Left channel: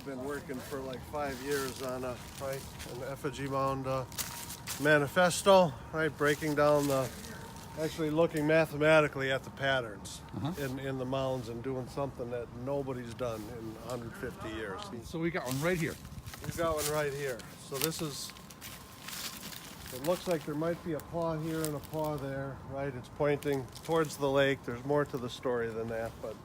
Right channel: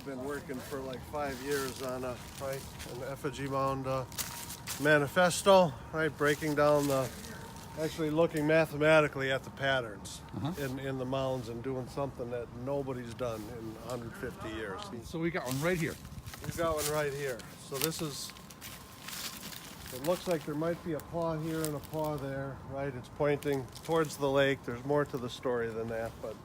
I've been working for like 5 years on an Effigy Mound manifesto, right? Breaking down actually looking mathematically at the patterns in the mounds and doing something that nobody's done in 150 years. So we got one right here. We've got one right here. So this is, it looks like there might be a paw here and a paw there, right? It's pointing towards the lake. There's more to the story than that, but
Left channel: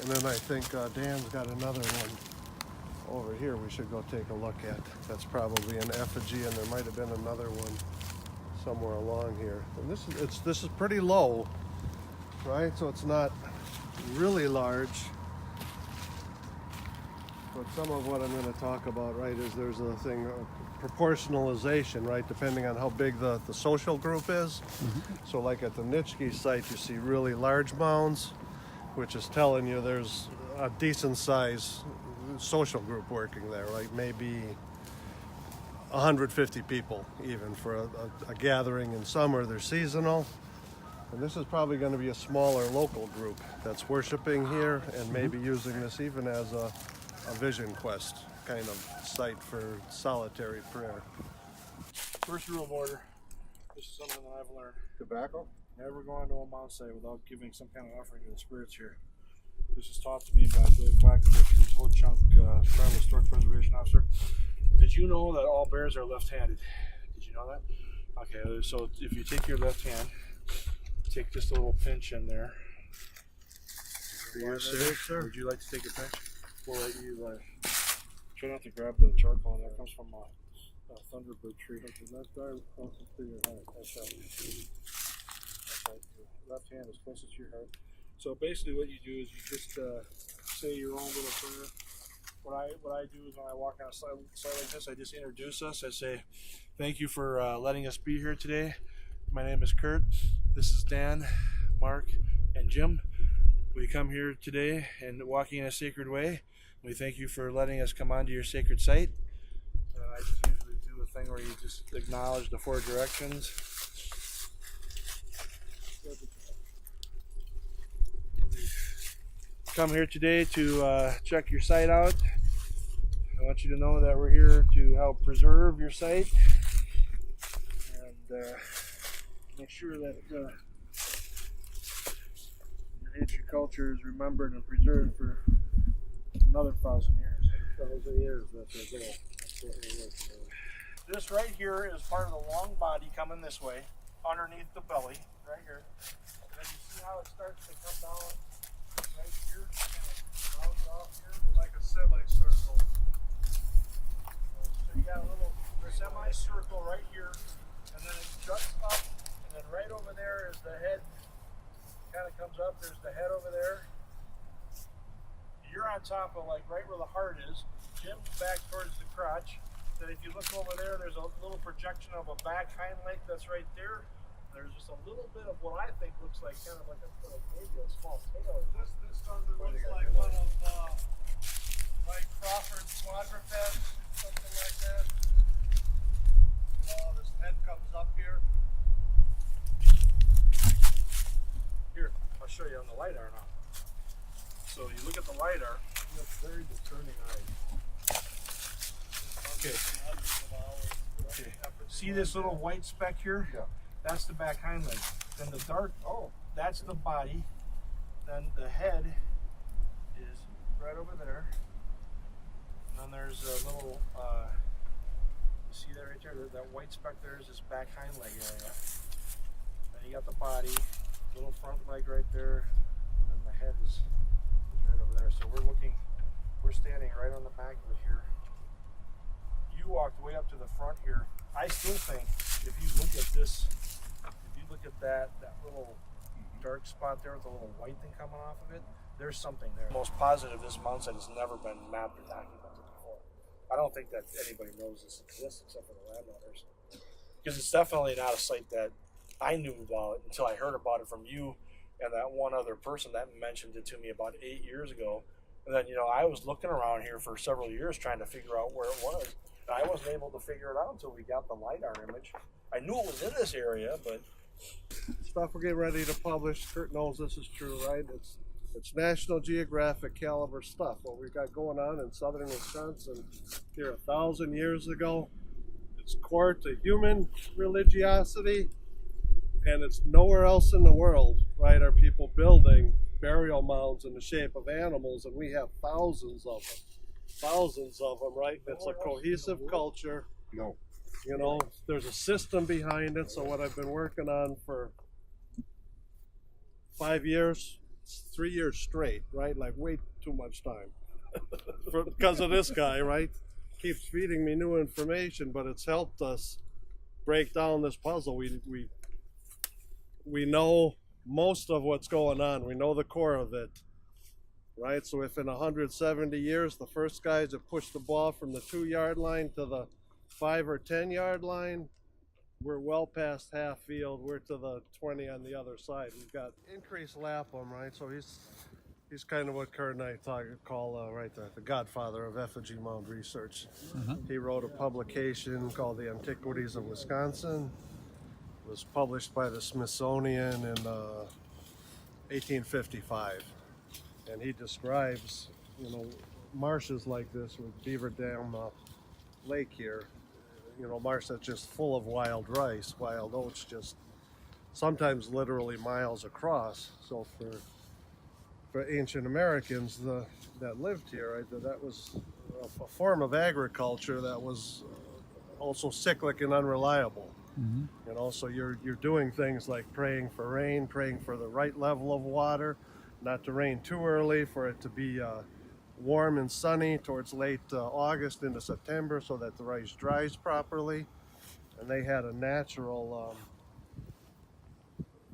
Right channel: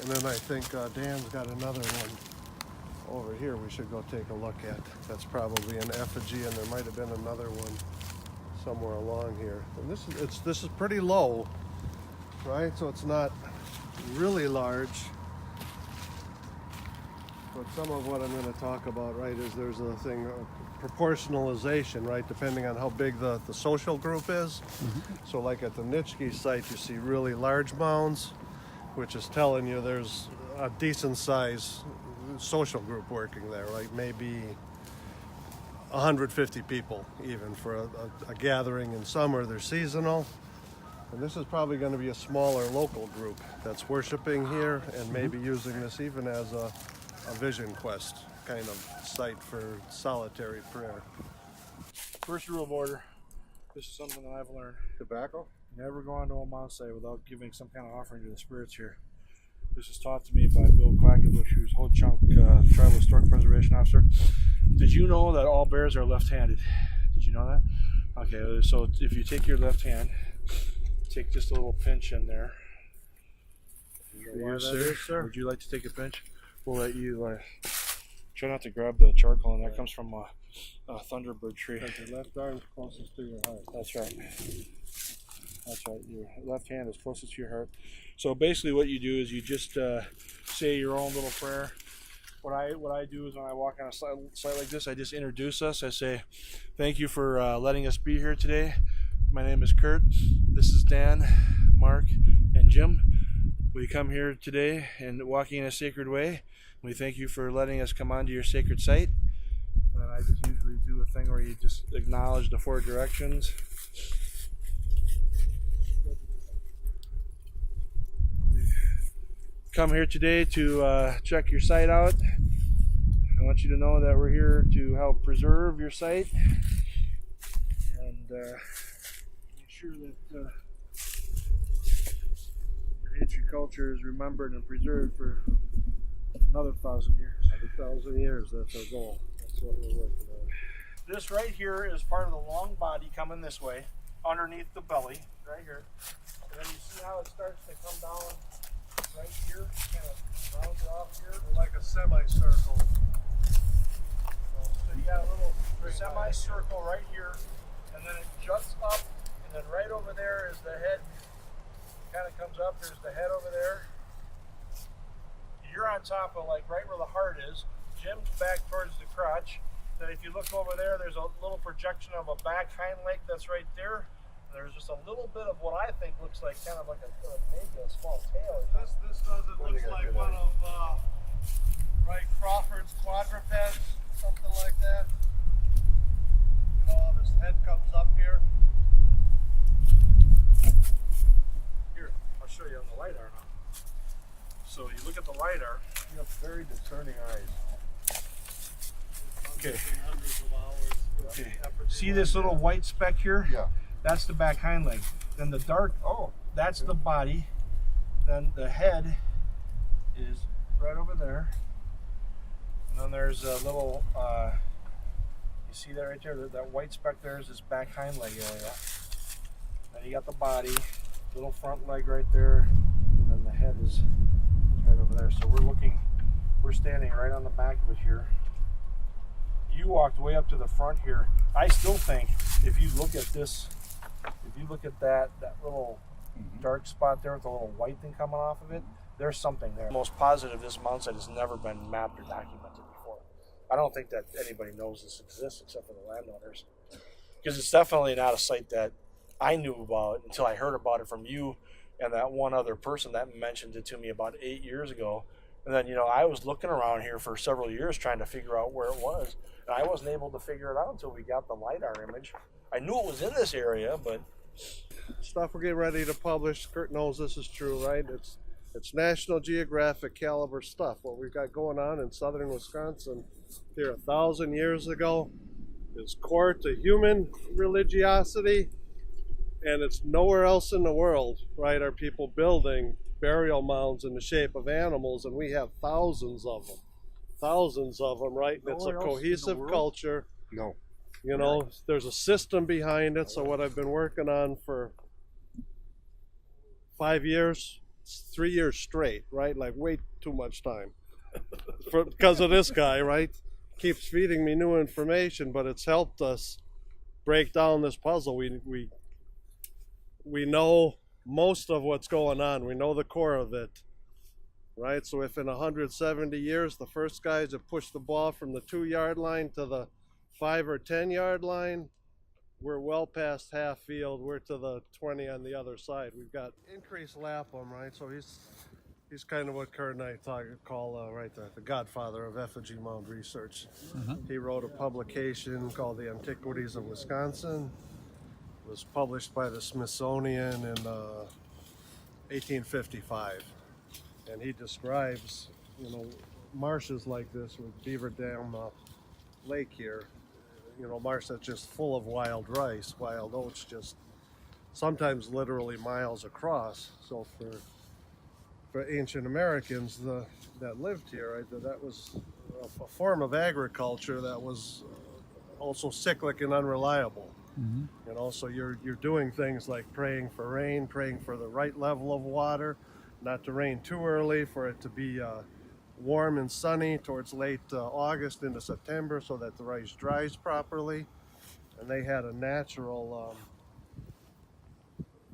and then I think Dan's got another one over here we should go take a look at. That's probably an effigy, and there might have been another one somewhere along here. And this is pretty low, right? So it's not really large. But some of what I'm going to talk about, right, is there's a thing of proportionalization, right, depending on how big the social group is. So like at the Nitschke site, you see really large mounds, which is telling you there's a decent size social group working there, like maybe 150 people even for a gathering in summer. They're seasonal. And this is probably going to be a smaller local group that's worshiping here and maybe using this even as a vision quest kind of site for solitary prayer. First rule of order, this is something that I've learned. Tobacco? Never go onto a mound site without giving some kind of offering to the spirits here. This was taught to me by Bill Quackovich, who's Ho-Chunk Tribal Historic Preservation Officer. Did you know that all bears are left-handed? Did you know that? Okay, so if you take your left hand, take just a little pinch in there. Yes, sir. Would you like to take a pinch? We'll let you try not to grab the charcoal, and that comes from a thunderbird tree. Your left arm is closest to your heart. That's right. That's right. Your left hand is closest to your heart. So basically, what you do is you just say your own little prayer. What I do is when I walk on a site like this, I just introduce us. I say, "Thank you for letting us be here today. My name is Kurt. This is Dan, Mark, and Jim. We come here today and walking in a sacred way. We thank you for letting us come onto your sacred site." And I just usually do a thing where you just acknowledge the 4 directions. Come here today to check your site out. I want you to know that we're here to help preserve your site and make sure that your ancient culture is remembered and preserved for another 1,000 years. 1,000 years, that's our goal. That's what we're working on. This right here is part of the long body coming this way, underneath the belly, right here. And then you see how it starts to come down right here, kind of rounds off here. Like a semicircle. So you got a little semicircle right here, and then it juts up, and then right over there is the head. Kind of comes up. There's the head over there. You're on top of like right where the heart is. Jim's back towards the crotch. Then if you look over there, there's a little projection of a back hind leg that's right there. There's just a little bit of what I think looks like kind of like maybe a small tail. This doesn't look like one of like Crawford's quadrupeds, something like that. You know, this head comes up here. Here, I'll show you on the LiDAR now. So you look at the LiDAR. You have very discerning eyes. Okay. Hundreds of hours. Okay. See this little white speck here? Yeah. That's the back hind leg. Then the dark, that's the body. Then the head is right over there. And then there's a little, you see that right there? That white speck there is this back hind leg area. Then you got the body, little front leg right there. And then the head is right over there. So we're standing right on the back of it here. You walked way up to the front here. I still think if you look at this, if you look at that little dark spot there with a little white thing coming off of it, there's something there. Most positive this mound site has never been mapped or documented before. I don't think that anybody knows this exists except for the landowners. Because it's definitely not a site that I knew about until I heard about it from you and that one other person that mentioned it to me about 8 years ago. And then, I was looking around here for several years trying to figure out where it was. And I wasn't able to figure it out until we got the LiDAR image. I knew it was in this area, but... Stuff we're getting ready to publish. Kurt knows this is true, right? It's National Geographic caliber stuff. What we've got going on in southern Wisconsin here 1,000 years ago is core to human religiosity, and it's nowhere else in the world, right? Are people building burial mounds in the shape of animals, and we have thousands of them, right? And it's a Nowhere else in the cohesive world? culture. No. You know, there's a system behind it. So what I've been working on for 5 years, 3 years straight, right? Like way too much time because of this guy, right? Keeps feeding me new information, but it's helped us break down this puzzle. We know most of what's going on. We know the core of it, right? So if in 170 years the first guys have pushed the ball from the 2-yard line to the 5 or 10-yard line, we're well past half field. We're to the 20 on the other side. We've got increased Lapham, right? So he's kind of what Kurt and I call right the godfather of Effigy Mound research. He wrote a publication called the Antiquities of Wisconsin. It was published by the Smithsonian in 1855, and he describes, you know, marshes like this with Beaver Dam Lake here. You know, marsh that's just full of wild rice, wild oats, just sometimes literally miles across. So for ancient Americans that lived here, right, that was a form of agriculture that was also cyclic and unreliable. You know, so you're doing things like praying for rain, praying for the right level of water, not to rain too early, for it to be warm and sunny towards late August into September so that the rice dries properly. And they had a natural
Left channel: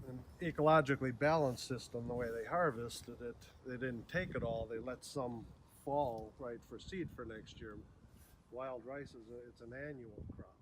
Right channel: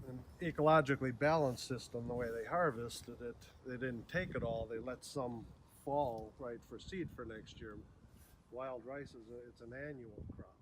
and ecologically balanced system the way they harvested it. They didn't take it all, they let some fall, right, for seed for next year. Wild rice it's an annual crop.